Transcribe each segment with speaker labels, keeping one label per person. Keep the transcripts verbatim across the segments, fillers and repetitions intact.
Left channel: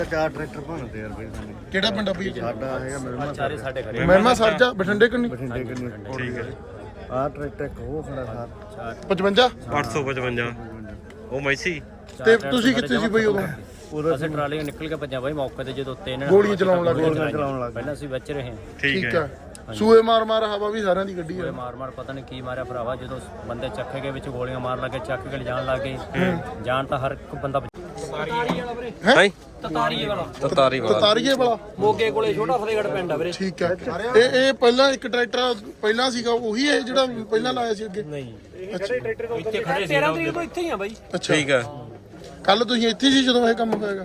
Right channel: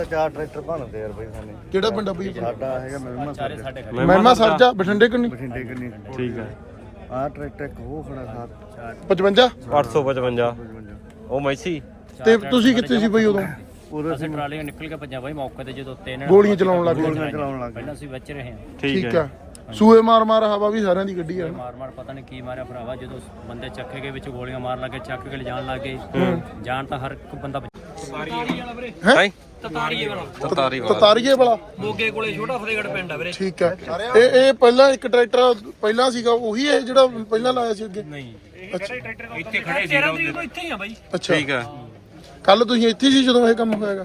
Speaker 1: ਚਾਰ ਟਰੈਕਟਰ ਭੰਨਦੇ ਯਾਰ ਬਈ।
Speaker 2: ਕਿਹੜਾ ਪਿੰਡ ਆ ਬਈ?
Speaker 1: ਸਾਡਾ ਹੈਗਾ ਮਹਿਮਾ
Speaker 3: ਚਾਰੇ ਸਾਡੇ ਖੜੇ
Speaker 2: ਮਹਿਮਾ ਸਾਜਾ ਬਠਿੰਡੇ ਕਿੰਨੀ?
Speaker 1: ਬਠਿੰਡੇ ਕਿੰਨੀ।
Speaker 4: ਠੀਕ ਹੈ।
Speaker 1: ਆਹ ਟਰੈਕਟਰ ਇੱਕ ਉਹ ਖੜਾ ਸਾਰ
Speaker 2: ਪਚਵੰਜਾ
Speaker 4: ਅੱਠ ਸੌ ਪਚਵੰਜਾ ਉਹ ਮੈਸੀ।
Speaker 2: ਤੇ ਤੁਸੀਂ ਕਿੱਥੇ ਸੀ ਬਈ ਉਦੋਂ?
Speaker 1: ਉਦੋਂ
Speaker 3: ਅਸੀਂ ਟਰਾਲੀਆਂ ਨਿਕਲ ਕੇ ਭੱਜਾਂ ਬਾਈ ਮੌਕੇ ਤੇ ਜਦੋਂ ਤਿੰਨ
Speaker 2: ਗੋਲੀਆਂ ਚਲਾਉਣ ਲੱਗ
Speaker 1: ਗੋਲੀਆਂ ਚਲਾਉਣ ਲੱਗ
Speaker 3: ਪਹਿਲਾਂ ਅਸੀਂ ਵਿੱਚ ਰਹੇ ਹਾਂ
Speaker 4: ਠੀਕ ਹੈ।
Speaker 2: ਸੂਏ ਮਾਰ ਮਾਰ ਹਵਾ ਵੀ ਸਾਰਿਆਂ ਦੀ ਗੱਡੀ
Speaker 3: ਕੋਈ
Speaker 2: ਹੈ।
Speaker 3: ਮਾਰ ਮਾਰ ਪਤਾ ਨਹੀਂ ਕੀ ਮਾਰਿਆ ਭਰਾਵਾ ਜਦੋਂ ਬੰਦੇ ਚੱਕੇ ਗਏ ਵਿੱਚ ਗੋਲੀਆਂ ਮਾਰ ਲੱਗੇ ਚੱਕ ਕੇ ਲਿਜਾਣ ਲੱਗੇ ਜਾਣ ਤਾਂ ਹਰ ਇੱਕ ਬੰਦਾ
Speaker 4: ਹੈ
Speaker 3: ਤਤਾਰੀਏ ਵਾਲਾ
Speaker 4: ਤਤਾਰੀ ਵਾਲਾ
Speaker 2: ਤਤਾਰੀਏ ਵਾਲਾ
Speaker 3: ਮੋਗੇ ਕੋਲੇ ਛੋਟਾ ਫਤਿਹਗੜ੍ਹ ਪਿੰਡ ਆ ਵੀਰੇ।
Speaker 2: ਠੀਕ ਹੈ। ਇਹ ਇਹ ਪਹਿਲਾਂ ਇੱਕ ਟਰੈਕਟਰ ਪਹਿਲਾਂ ਸੀਗਾ ਉਹੀ ਹੈ ਜਿਹੜਾ ਪਹਿਲਾਂ ਲਾਇਆ ਸੀ ਅੱਗੇ?
Speaker 3: ਨਹੀਂ ਇਹ ਖੜੇ ਟਰੈਕਟਰ ਇੱਥੇ ਖੜੇ ਸੀ ਉਹਦੇ ਇੱਥੇ ਹੀ ਆ ਬਾਈ।
Speaker 2: ਅੱਛਾ
Speaker 4: ਠੀਕ ਹੈ।
Speaker 2: ਕੱਲ ਤੁਸੀਂ ਇੱਥੇ ਸੀ ਜਦੋਂ ਇਹ ਕੰਮ ਹੋਇਆਗਾ?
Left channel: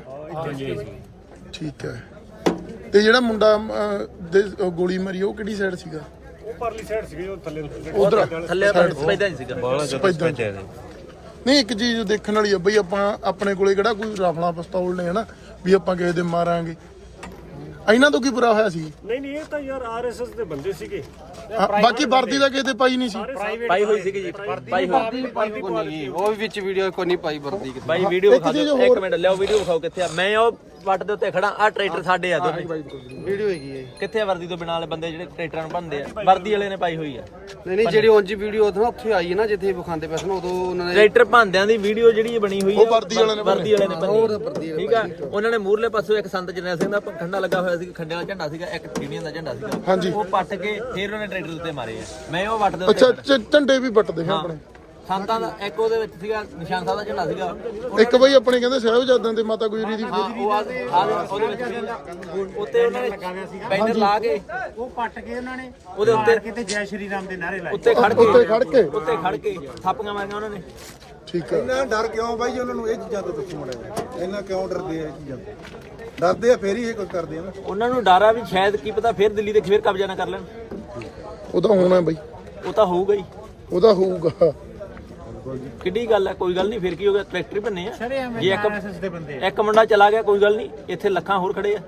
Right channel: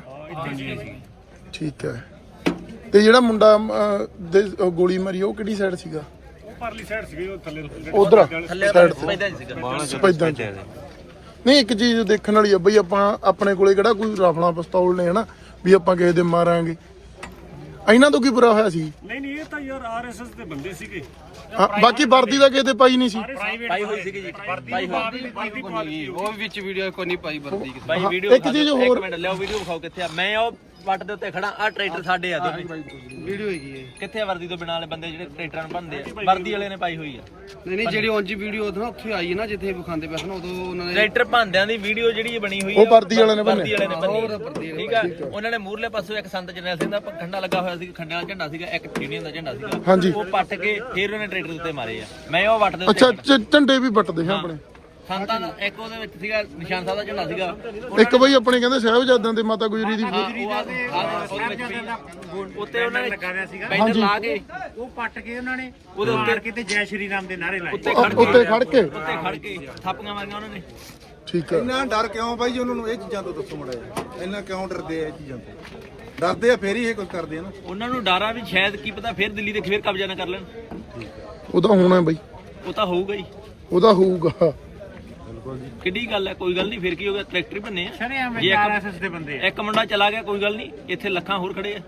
Speaker 2: ਠੀਕ ਹੈ। ਤੇ ਜਿਹੜਾ ਮੁੰਡਾ ਅਹ, ਦੇ ਗੋਲੀ ਮਾਰੀ ਉਹ ਕਿਹੜੀ ਸਾਈਡ ਸੀਗਾ?
Speaker 1: ਉਹ ਪਰਲੀ ਸਾਈਡ ਸੀਗੀ ਉਹ ਥੱਲੇ
Speaker 2: ਉਧਰ
Speaker 3: ਥੱਲੇ ਪੈਦਾ ਨਹੀਂ ਸੀਗਾ
Speaker 4: ਬਾਹਲਾ ਜਦੋਂ ਭੇਜਿਆ ਨੇ।
Speaker 2: ਨਹੀਂ ਇੱਕ ਚੀਜ਼ ਦੇਖਣ ਵਾਲੀ ਆ ਬਈ, ਆਪਾਂ ਆਪਣੇ ਕੋਲੇ ਕਿਹੜਾ ਕੋਈ ਰਾਫਲਾ ਪਿਸਤੌਲ ਨੇ ਹਨਾ ਵੀ ਆਪਾਂ ਕਿਸੇ ਦੇ ਮਾਰਾਂਗੇ। ਇਹਨਾਂ ਤੋਂ ਕੀ ਬੁਰਾ ਹੋਇਆ ਸੀ?
Speaker 1: ਨਹੀਂ ਨਹੀਂ ਇਹ ਤਾਂ ਯਾਰ ਆਰਐਸਐਸ ਦੇ ਬੰਦੇ ਸੀਗੇ।
Speaker 2: ਹਾਂ, ਬਾਕੀ ਵਰਦੀ ਦਾ ਕਿਸੇ ਤੇ ਪਾਈ ਨਹੀਂ ਸੀ।
Speaker 3: ਪਾਈ ਹੋਈ ਸੀਗੀ ਜੀ ਪਾਈ ਹੋਈ
Speaker 5: ਉਹ ਵੀ ਵਿੱਚ ਵੀਡੀਓ ਕੋਈ ਨਹੀਂ ਪਾਈ ਵਰਦੀ
Speaker 3: ਬਾਈ ਵੀਡੀਓ
Speaker 2: ਇੱਕ ਚੀਜ਼
Speaker 3: ਇੱਕ
Speaker 2: ਹੋਰ
Speaker 3: ਮਿੰਟ ਲਿਆਓ ਵੀਡੀਓ ਖਾਓ ਕਿੱਥੇ ਆ ਮੈਂ ਉਹ ਵੱਟ ਦੇ ਉੱਤੇ ਖੜਾ ਆ ਟਰੈਕਟਰ ਸਾਡੇ ਆ
Speaker 5: ਵੀਡੀਓ ਹੈਗੀ ਹੈ।
Speaker 3: ਕਿੱਥੇ ਆ ਵਰਦੀ ਤੋਂ ਬਿਨਾਂ ਵਾਲੇ ਬੰਦੇ ਜਿਹੜੇ ਟਰੈਕਟਰਾਂ ਨੂੰ ਭੰਨਦੇ ਆ ਵਰਦੀ ਵਾਲੇ ਨੇ ਪਾਈ ਹੋਈ ਆ
Speaker 5: ਨਹੀਂ ਨਹੀਂ ਜਿਹੜੀ ਉਂਝ ਵੀਡੀਓ ਉਦੋਂ ਉੱਥੇ ਆਈ ਹੈ ਨਾ ਜਿੱਥੇ ਵਿਖਾਉਂਦੇ ਪਏ ਸਨ ਉਦੋਂ ਉਹਨਾਂ ਨੇ
Speaker 3: ਟਰੈਕਟਰ ਭੰਨਦਿਆਂ ਦੀ ਵੀਡੀਓ ਜਿਹੜੀ ਬਣੀ ਹੋਈ
Speaker 2: ਉਹ ਵਰਦੀ ਵਾਲੇ ਨੇ
Speaker 3: ਵਰਦੀ ਵਾਲੇ ਨੇ
Speaker 5: ਹੋਰ
Speaker 3: ਭੰਨੀ
Speaker 5: ਵਰਦੀ ਵਾਲੇ
Speaker 3: ਠੀਕ ਆ। ਉਹਨਾਂ ਨੇ ਮੂਰਲੇ ਪਾਸੋਂ ਇੱਕ ਸੰਤ ਜਰਨੈਲ ਸਿੰਘ ਦਾ ਖੰਡਾ ਲੱਗਾ ਹੋਇਆ ਸੀ ਖੰਡੇ ਵਾਲਾ ਝੰਡਾ ਸੀਗਾ ਇੱਕ ਯੂਨੀਅਨ ਦਾ ਝੰਡਾ ਸੀਗਾ ਉਹ ਪੱਟ ਕੇ ਫਿਰ ਉਹਨੇ ਟਰੈਕਟਰ ਦੇ ਉੱਤੇ ਮਾਰੇ ਆ ਮੈਂ ਉਹ ਵੱਟ ਦੇ ਉੱਤੇ
Speaker 2: ਅੱਛਾ ਝ- ਝੰਡੇ ਵੀ ਵੱਟਦੇ ਸੀ ਆਪਣੇ।
Speaker 3: ਸੰਤਾਂ ਦਾ ਇੱਕ ਉਹਦੇ ਵਿੱਚ ਸੀਗਾ ਨਿਸ਼ਾਨ ਸਾਹਿਬ ਦਾ ਝੰਡਾ ਸੀਗਾ
Speaker 2: ਇੱਕ ਬਈ ਆਪਣੇ ਕਹਿੰਦੇ ਸਾਹਿਬਜ਼ਾਦਿਆਂ ਦੇ ਮਾਤਾ ਗੁਜਰੀ ਦੀ
Speaker 3: ਹਾਂ, ਉਹ ਆ- ਆ- ਉਹਦੇ ਵਿੱਚ ਵੀ ਉੱਤੇ ਉਹਨਾਂ ਨੇ ਲਗਾ ਰਿਹਾ ਸੀਗਾ ਬੈਨਰ ਲਾ ਕੇ
Speaker 6: ਉਹ ਪੱਟ ਕੇ ਉਹਨਾਂ ਨੇ
Speaker 3: ਉਹਦੇ ਉੱਤੇ
Speaker 6: ਕਿਤੇ ਜੈ ਸ਼੍ਰੀ ਰਾਮ ਦੇ ਨਾਰੇ ਲਾਏ।
Speaker 3: ਉੱਤੇ ਖੜ
Speaker 2: ਉੱਤੇ
Speaker 3: ਕੇ
Speaker 2: ਖੜ ਕੇ
Speaker 3: ਉੱਤੇ ਖੜ ਕੇ ਥਾਪੀਆਂ ਮਾਰੀਆਂ ਉਹਨਾਂ ਨੇ।
Speaker 2: ਠੀਕ ਹੈ।
Speaker 7: ਇੰਨਾ ਡਰ ਕਿਉਂ ਬਾਈ ਜੀ ਉਹਨਾਂ ਨੂੰ ਇਹ ਚੀਜ਼ਾਂ ਤੋਂ ਦੱਸੋ ਮੜਾ ਇਹਨਾਂ ਕਿਉਂ ਡਰਦੇ ਆ ਇਹ ਚੀਜ਼ਾਂ ਤੋਂ? ਡਰਦੇ ਆ ਫੇਰ ਹੀ ਇਹ ਕੁਝ ਕਰਦੇ ਆ ਨਾ।
Speaker 3: ਉਹਨਾਂ ਨੂੰ ਡਰ ਆ ਵੀ ਸ਼ਾਇਦ ਕੀ ਪਤਾ ਫਿਰ ਦਿੱਲੀ ਤੇ ਫਿਰ ਕਬਜ਼ਾ ਨਾ ਕਰ ਲੈਣ।
Speaker 2: ਉਹਦਾ ਹੋਣਾ ਬਈ,
Speaker 3: ਉਹ ਤਾਂ ਹੋਊਗਾ ਹੀ
Speaker 2: ਉਹਦਾ ਹੋਊਗਾ।
Speaker 3: ਕਿੱਡੀ ਗੱਲ ਹੈ ਕੋਈ ਗੱਲ ਨਹੀਂ ਫਿਰ ਕੀ ਹੋ ਗਿਆ ਟਰੈਕਟਰ ਹੀ ਬੰਨੇ ਆ
Speaker 6: ਸ਼ਰੇਆਮ
Speaker 3: ਜੇ
Speaker 6: ਆਰਐਸਐਸ ਦੇ ਬੰਦੇ
Speaker 3: ਇੱਕ ਇੱਕ ਮੁੰਡਾ ਚਲਾ ਗਿਆ ਕੋਈ ਗੱਲ ਨਹੀਂ ਇੱਥੇ ਲੱਖਾਂ ਹੋਰ ਖੜੇ ਆ।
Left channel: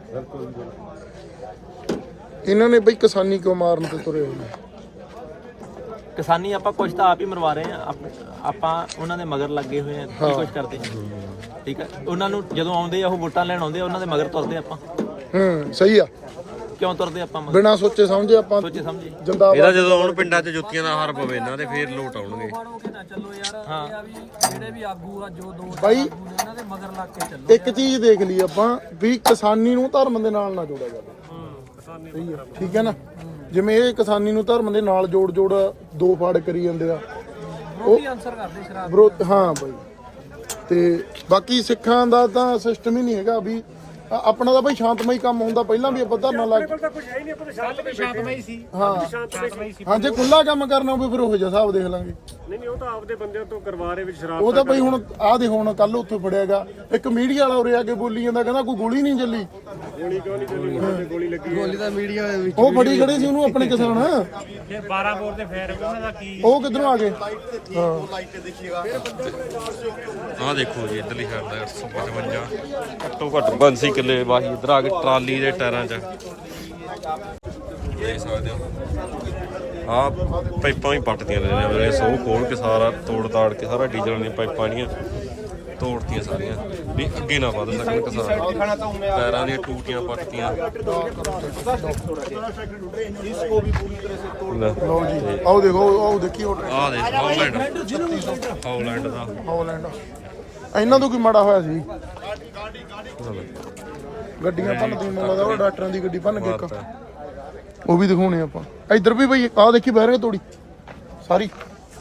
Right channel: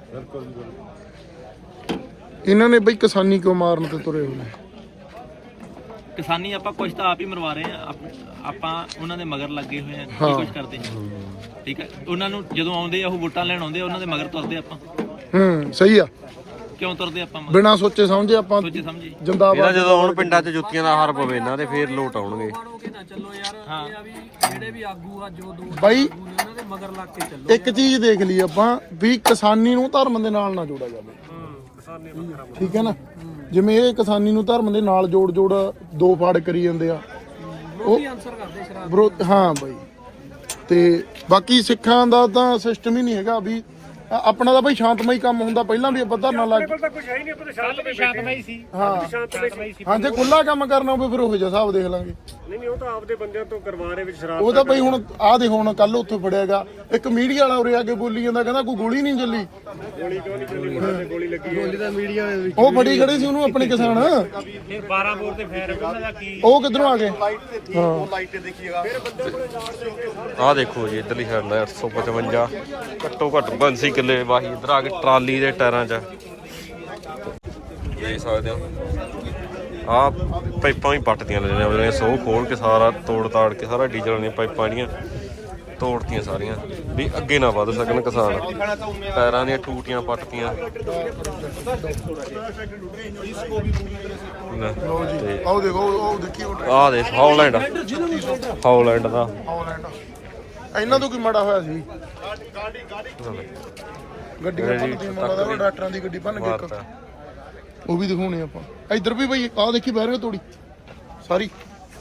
Speaker 2: ਇਹਨਾਂ ਨੇ ਬਈ ਕਿਸਾਨੀ ਕਿਉਂ ਮਾਰਨ ਤੇ ਤੁਰੇ ਹੋਏ ਨੇ?
Speaker 3: ਕਿਸਾਨੀ ਆਪਾਂ ਕੁਝ ਤਾਂ ਆਪ ਹੀ ਮਰਵਾ ਰਹੇ ਆ ਆਪ- ਆਪਾਂ ਉਹਨਾਂ ਦੇ ਮਗਰ ਲੱਗੇ ਹੋਏ ਆ ਕੀ ਕੁਝ ਕਰਦੇ ਆ ਠੀਕ ਹੈ। ਉਹਨਾਂ ਨੂੰ ਜਦੋਂ ਆਉਂਦੇ ਆ ਉਹ ਵੋਟਾਂ ਲੈਣ ਆਉਂਦੇ ਆ ਉਹਨਾਂ ਦੇ ਮਗਰ ਤੁਰਦੇ ਆਪਾਂ
Speaker 2: ਹੂੰ ਸਹੀ ਆ।
Speaker 3: ਕਿਉਂ ਤੁਰਦੇ ਆਪਾਂ ਮਗਰ
Speaker 2: ਬਿਨਾਂ ਸੋਚੇ ਸਮਝੇ ਆਪਾਂ
Speaker 3: ਸੋਚੇ ਸਮਝੇ
Speaker 2: ਜਿੰਦਾਬਾਦ।
Speaker 4: ਇਹਦਾ ਜਦੋਂ ਆਉਣ ਪਿੰਡਾਂ 'ਚ ਜੁੱਤੀਆਂ ਦਾ ਹਾਰ ਪਵੇ ਇਹਨਾਂ ਦੇ ਫੇਰ ਲੋਟ ਆਉਣਗੇ।
Speaker 3: ਨਾ ਚੱਲੋ ਯਾਰ ਇਹ ਆ ਵੀ ਜਿਹੜੇ ਵੀ ਆਗੂ ਆ ਜੋ ਦੋ
Speaker 2: ਬਾਈ
Speaker 3: ਉਹਨਾਂ ਦੇ ਮਗਰ ਲੱਗ ਕੇ ਚੱਲੋ।
Speaker 2: ਇੱਕ ਚੀਜ਼ ਦੇਖ ਲਈ ਆਪਾਂ ਵੀ ਕਿਸਾਨੀ ਨੂੰ ਧਰਮ ਦੇ ਨਾਲ ਨਾ ਜੋੜਿਆ ਜਾਵੇ। ਠੀਕ ਹੈ ਨਾ? ਜਿਵੇਂ ਇਹ ਕਿਸਾਨੀ ਨੂੰ ਧਰਮ ਦੇ ਨਾਲ ਜੋੜ ਜੋੜ ਦੋ ਫਾੜ ਕਰੀ ਜਾਂਦੇ ਆ
Speaker 3: ਵਿਰੋਧੀ ਆਨਸਰ ਕਰਦੇ ਸ਼ਰਾਬ
Speaker 2: ਵਿਰੋਧ। ਹਾਂ ਬਈ ਤੇ ਬਾਕੀ ਸਿੱਖਾਂ ਦਾ ਤਾਂ ਸਿਸਟਮ ਹੀ ਨਹੀਂ ਹੈਗਾ ਵੀ ਆ- ਆਪਣਾ ਤਾਂ ਬਈ ਸ਼ਾਂਤਮਈ ਕੰਮ ਹੁੰਦਾ। ਪਹਿਲਾਂ ਵੀ ਆਪਾਂ ਧਰਨਾ ਲਾ ਕੇ
Speaker 1: ਤਾਂ ਕੁਝ ਹੈ ਹੀ ਨਹੀਂ ਆਪਾਂ ਤਾਂ ਸ਼ਾਂਤਮਈ
Speaker 6: ਸ਼ਾਂਤਮਈ ਸੀ
Speaker 2: ਹਾਂ
Speaker 1: ਸ਼ਾਂਤਮਈ ਸੀ।
Speaker 2: ਹਾਂ ਜੇ ਖੁੱਲਾ ਕੰਮ ਕਰਨਾ ਹੋਵੇ ਫਿਰ ਉਹ ਜਿਹਾ ਹਿਸਾਬ ਦੇਖ ਲਾਂਗੇ।
Speaker 1: ਨਹੀਂ ਨਹੀਂ ਉਹ ਤਾਂ ਆਪਦੇ ਬੰਦਿਆਂ ਤੋਂ ਕਰਵਾ ਰਹੇ ਵਿੱਚ ਸ਼ਰਾਬ
Speaker 2: ਉਹ ਤਾਂ ਬਈ ਹੁਣ ਆਹ ਦੇ ਹੁਣ ਕੱਲ ਉੱਥੇ ਫੜਿਆਗਾ ਇੱਕ ਮੀਡੀਆ ਵਾਲਾ ਉਰੇ ਆ ਕੇ ਬੋਲੀ ਜਾਂਦਾ ਕਹਿੰਦਾ ਕੋਈ ਗੋਲੀ ਨਹੀਂ ਚੱਲੀ।
Speaker 1: ਗੋਲੀ ਕਿਉਂ ਨਹੀਂ ਚੱਲੀ? ਮੁੰਡੇ ਤੇ ਗੋਲੀ ਲੱਗੀ ਹੈ।
Speaker 7: ਗੋਲੀ ਦਾ ਮੀਡੀਆ ਵਿੱਚ
Speaker 2: ਉਹ ਫੜੀ ਖੜੇ ਸੀ ਉਹਨੂੰ ਆਪਣੇ ਕਿਸਾਨ।
Speaker 6: ਇਹ ਬਾਰਾਂ ਬੋਰ ਦੇ ਫੇਰ ਉਹਨਾਂ ਦਾ ਕੀ
Speaker 2: ਉਹ ਕਿੱਧਰੋਂ ਆ ਗਏ?
Speaker 4: ਆਹ ਦੇਖੋ ਜੀ ਇਧਰਲੀ ਸਾਈਡ ਦਾ ਅੱਠ ਸੌ ਪਚਵੰਜਾ ਘੱਟੋ ਘੱਟ ਬੰਸੀ ਕਿੱਲੇ ਵਾਹੀ ਇਧਰ ਆ ਕੇ ਟਰਾਲੀ ਦੇ ਟਾਇਰਾਂ 'ਚ ਦੇਖ ਸਕਦੇ ਹੋ। ਆਹ ਪਾਈਪਾਂ ਵੀ ਪੱਟਦੀਆਂ ਲੈਣੇ ਉਹਨੇ ਸੋ ਖੋਲ ਕੇ ਸਾਰਾ ਤੋੜ ਤਾੜ ਕੇ ਸਾਰਾ ਡੀਜ਼ਲ ਦੀਆਂ ਪਾਈਪਾਂ ਦੀਆਂ ਤੋੜਤੀਆਂ ਸਾਰੀਆਂ ਵੀ ਅੱਗੇ ਨਾ ਵੱਧ ਸਕਣ ਕਿਸਾਨ। ਟਾਇਰਾਂ ਦੀਆਂ ਟੂਟੀਆਂ ਪੱਟਤੀਆਂ ਲੈ ਤੇ
Speaker 2: ਆਓ ਦੇਖੋ ਆਓ ਦੇਖੀ
Speaker 4: ਆਹ ਦੇਖ ਹੌਲੈਂਡ ਹੌਲੈਂਡ ਦਾ
Speaker 2: ਹਾਲੈਂਡ ਇਹਨਾਂ ਤੋਂ ਕੀ ਮਾੜਾ ਹੋਇਆ ਸੀ? ਗੱਡੀਆਂ ਭੰਨ ਡਾਕਟਰਾਂ ਦੀ ਗੱਡੀ ਭੰਨ ਕੇ ਇੱਕ।
Speaker 4: ਮਾਰਤਾ
Speaker 2: ਉਹ ਵੀ ਦਿਖਾਉਣੇ ਆਪਾਂ। ਇੱਧਰ ਵੀ ਬਈ ਆਹ ਦੇਖੀ ਬਹਿਰੇ ਤੋੜੀ ਸਾਰੀ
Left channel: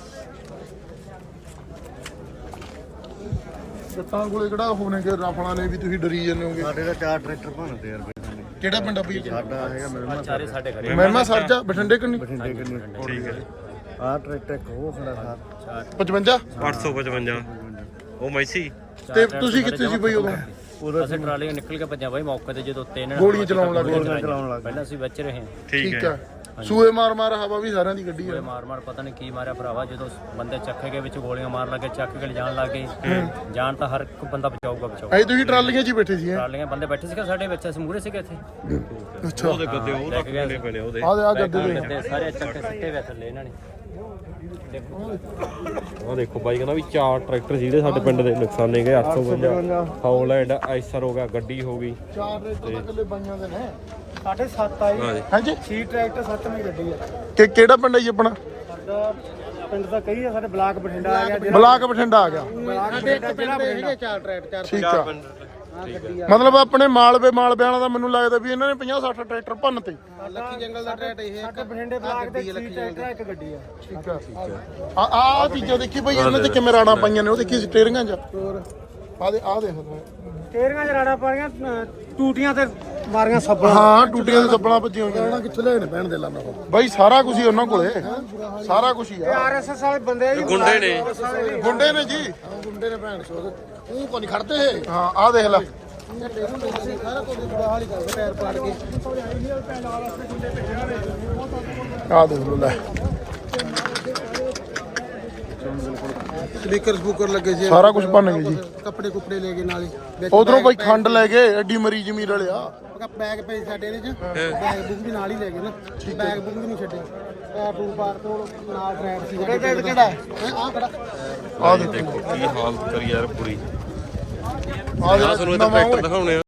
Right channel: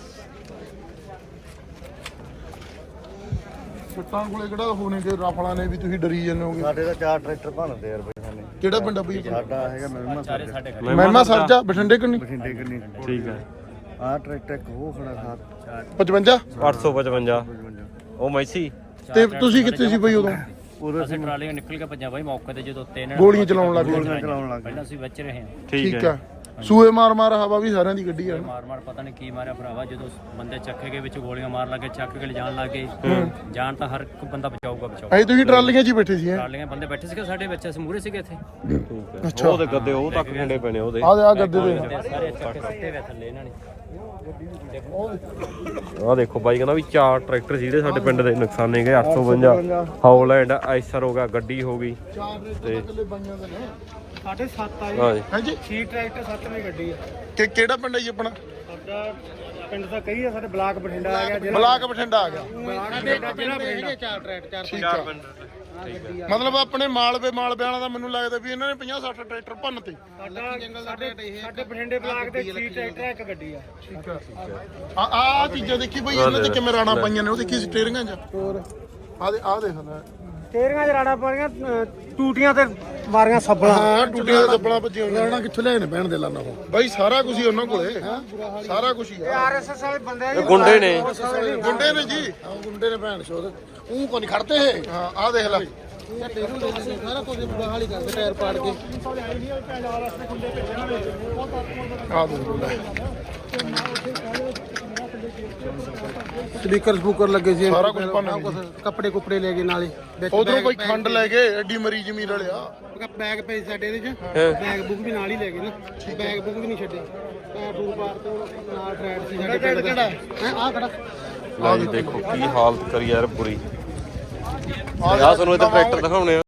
Speaker 2: ਸੱਤਾਂ ਕੋਲੇ ਕਿਹੜਾ ਹੋਣੇ ਕਿ ਰਾਫਲਾਂ ਨੇ ਵੀ ਤੁਸੀਂ ਡਰੀ ਜਾਂਦੇ ਹੋਗੇ।
Speaker 1: ਸਾਡੇ ਤਾਂ ਚਾਰ ਟਰੈਕਟਰ ਭੰਨਦੇ ਯਾਰ ਬਈ।
Speaker 2: ਕਿਹੜਾ ਪਿੰਡ ਆ ਬਈ?
Speaker 1: ਸਾਡਾ ਹੈਗਾ ਮਹਿਮਾ
Speaker 3: ਚਾਰੇ ਸਾਡੇ ਖੜੇ
Speaker 2: ਮਹਿਮਾ ਸਾਜਾ ਬਠਿੰਡੇ ਕਿੰਨੀ?
Speaker 1: ਬਠਿੰਡੇ ਕਿੰਨੀ।
Speaker 4: ਠੀਕ ਹੈ।
Speaker 1: ਆਹ ਟਰੈਕਟਰ ਇੱਕ ਉਹ ਖੜਾ ਸਾਰ
Speaker 2: ਪਚਵੰਜਾ
Speaker 4: ਅੱਠ ਸੌ ਪਚਵੰਜਾ ਉਹ ਮੈਸੀ।
Speaker 2: ਤੇ ਤੁਸੀਂ ਕਿੱਥੇ ਸੀ ਬਈ ਉਦੋਂ?
Speaker 1: ਉਦੋਂ
Speaker 3: ਅਸੀਂ ਟਰਾਲੀਆਂ ਨਿਕਲ ਕੇ ਭੱਜਾਂ ਬਾਈ ਮੌਕੇ ਤੇ ਜਦੋਂ ਤਿੰਨ
Speaker 2: ਗੋਲੀਆਂ ਚਲਾਉਣ ਲੱਗ
Speaker 1: ਗੋਲੀਆਂ ਚਲਾਉਣ ਲੱਗ
Speaker 3: ਪਹਿਲਾਂ ਅਸੀਂ ਵਿੱਚ ਰਹੇ ਹਾਂ
Speaker 4: ਠੀਕ
Speaker 2: ਠੀਕ
Speaker 4: ਹੈ।
Speaker 2: ਆ। ਸੂਏ ਮਾਰ ਮਾਰ ਹਵਾ ਵੀ ਸਾਰਿਆਂ ਦੀ ਗੱਡੀ
Speaker 3: ਕੋਈ
Speaker 2: ਹੈ।
Speaker 3: ਮਾਰ ਮਾਰ ਪਤਾ ਨਹੀਂ ਕੀ ਮਾਰਿਆ ਭਰਾਵਾ ਜਦੋਂ ਬੰਦੇ ਚੱਕੇ ਗਏ ਵਿੱਚ ਗੋਲੀਆਂ ਮਾਰ ਲੱਗੇ ਚੱਕ ਕੇ ਲਿਜਾਣ ਲੱਗੇ ਜਾਣ ਤਾਂ ਹਰ ਇੱਕ ਬੰਦਾ ਬਚਾਊਗਾ ਬਚਾਊ।
Speaker 2: ਅਜੇ ਤੁਸੀਂ ਟਰਾਲੀਆਂ 'ਚ ਹੀ ਬੈਠੇ ਸੀ?
Speaker 3: ਟਰਾਲੀਆਂ ਬੰਦੇ ਬੈਠੇ ਸੀਗੇ ਸਾਡੇ ਵਿੱਚ ਅਸੀਂ ਮੂਹਰੇ ਸੀਗੇ ਇੱਥੇ
Speaker 2: ਅੱਛਾ
Speaker 4: ਉਹਦੇ ਗੱਦੇ ਉਹ ਤੱਕ ਮੁੰਡੇ ਪਏ ਨੇ ਉਹਦੇ
Speaker 2: ਆ ਆ ਗੱਦੇ ਦੇ
Speaker 3: ਤੇ ਸਾਰੇ ਚੱਕੇ ਸੱਟੇ ਵੇ ਥੱਲੇ ਇਹਨਾਂ ਨੇ
Speaker 4: ਆਹ ਦੇਖੋ ਬਾਈ ਕਹਿੰਦਾ ਵੀ ਚਾਰ ਟਰੈਕਟਰ ਜਿਹੜੇ ਸਾਡੇ ਪਿੰਡ ਦੇ ਨੁਕਸਾਨੇ ਗਏ ਅੱਠ ਸੌ ਬਵੰਜਾ ਹੌਲੈਂਡ ਆਈਸਰ ਹੋ ਗਿਆ, ਗੱਡੀ ਹੋ ਗਈ।
Speaker 2: ਚਾਰ ਰੇਟਰ ਇਕੱਲੇ ਬਾਈਆਂ ਦੇ ਨੇ।
Speaker 6: ਸਾਢੇ ਸੱਤ ਆਈ
Speaker 4: ਹਾਂ ਜੀ
Speaker 2: ਹਾਂਜੀ
Speaker 6: ਛੇ ਟਰੈਕਟਰ ਸੱਤਵੀਂ ਗੱਡੀ ਆ
Speaker 2: ਕਿ ਕਿਹੜਾ ਪਿੰਡ ਹੈ ਜੀ ਆਪਣਾ?
Speaker 6: ਸਾਡਾ ਪਿੰਡ ਦਾ ਕਈ ਆ, ਸਾਡੇ ਬਲਾਕ ਬਠਿੰਡਾ ਆ ਗਿਆ, ਜ਼ਿਲ੍ਹਾ
Speaker 2: ਬਲਾਕ ਬਠਿੰਡਾ ਆ ਗਿਆ।
Speaker 6: ਬਲਾਕ ਬਠਿੰਡਾ ਜ਼ਿਲ੍ਹਾ ਬਠਿੰਡਾ।
Speaker 5: ਚਾਰ ਟਰੈਕਟਰ
Speaker 2: ਠੀਕ ਆ। ਮਤਲਬ ਆਪਣੇ ਮਾਲਵੇ ਮਾਲਵੇ ਵਾਲਾ ਦਾ ਮੈਨੂੰ ਲੱਗਦਾ ਵੀ ਇਹਨਾਂ ਨੇ ਪੰਜਾਹ ਸੱਠ ਟਰੈਕਟਰ ਭੰਨ ਤੇ।
Speaker 6: ਸਾਡਾ ਸਾਡੇ ਸਾਡੇ ਬਠਿੰਡੇ ਬਲਾਕ ਦੇ ਛੇ ਟਰੈਕਟਰ ਆ, ਇੱਕ ਗੱਡੀ ਆ।
Speaker 2: ਆ ਆ ਚੀਜ਼ਾਂ ਦੇਖੀ ਬਈ ਇਹਨਾਂ ਤੇ ਕਿਵੇਂ ਰਾਣਾ ਪਾਈਆਂ ਨੇ, ਉਹ ਦੇਖੀ ਸਟੀਅਰਿੰਗਾਂ 'ਚ। ਹੋਰ ਆ ਦੇ ਆ ਦੇਖ ਲੈ।
Speaker 6: ਤੇਰੀਆਂ ਜਰਾੜਾ ਪਾਈਆਂ, ਟੂਟੀਆਂ ਤੇ ਮਾਰੀਆਂ ਸੱਬਾਂ।
Speaker 2: ਹਾਂ ਟੂਟੀਆਂ ਦੇ ਸੱਬਲਾਂ ਭੱਜੀਆਂ ਹੋਈਆਂ। ਇਹਨਾਂ ਕਿੱਥੋਂ ਲੈ ਨੇ ਪੈਣ ਦੇ ਲਾਣਾ ਬਈ, ਸਾਰਾ ਕੁਝ ਹੀ ਉਹਨਾਂ ਕੋਲੇ, ਸਾਰਾ ਕੁਝ ਹੀ ਆ।
Speaker 6: ਆਰਐਸਐਸ ਵਾਲੇ ਬੰਦੇ ਜੀ,
Speaker 2: ਗੁੰਡੇ ਨੇ ਗੁੰਡੇ ਨੇ ਜੀ, ਗੁੰਡੇ ਨੇ ਭੈਣ ਸੋਦ ਤੂੰ ਕੋ ਨਹੀਂ ਖੜਦੇ ਇਹ। ਹਾਂ ਆ ਦੇਖ ਲੈ
Speaker 5: ਸਾਰਾ ਕੁਝ ਬੁਰਾ ਹਾਲ ਹੀ ਕਰਦੇ, ਟਾਇਰ ਪਾੜ ਕੇ।
Speaker 2: ਆ ਦੇਖ ਲੈ
Speaker 5: ਸਪੀਕਰ ਸਪੂਕਰ ਲੱਗੇ ਸੀ,
Speaker 2: ਸਾਰਾ ਕੁਝ ਭੰਨ ਗਏ ਜੀ।
Speaker 5: ਕੱਪੜੇ ਕੁੱਪੜੇ ਲੈ ਗਏ ਨਾਲੇ ਵਿੱਚ।
Speaker 2: ਉਧਰੋਂ ਬਈ ਖੰਡ ਲੈ ਗਏ, ਐਡੀ ਮਰੀ ਜ਼ਮੀਨ ਵਾਲਿਆ।
Speaker 5: ਬੈਗ ਪਏ ਸਾਡੇ ਇਹਦੇ ਚ, ਬੈਗ ਬੁੱਕ ਵੀ ਨਾਲ ਹੀ ਲੈ ਗਏ ਨਾ, ਬੈਗ ਬੁੱਕ ਵੀ ਨਹੀਂ ਛੱਡੇ। ਪੈਰ ਪੂਰ ਪਾਰ ਤੋਂ ਨਾਲ ਟਰੈਕ ਸੀ ਸਾਡੇ ਪਿੰਡ ਦਾ। ਆ ਖੜਾ
Speaker 4: ਆਹ ਦੇਖੋ ਕੀ ਹਾਲਤ ਕਰੀ ਯਾਰ ਪੂਰੀ। ਆਹ ਤੁਹਾਨੂੰ ਇੱਧਰ ਟਰੈਕਟਰ ਦਿਖਾਉਣੇ ਆ।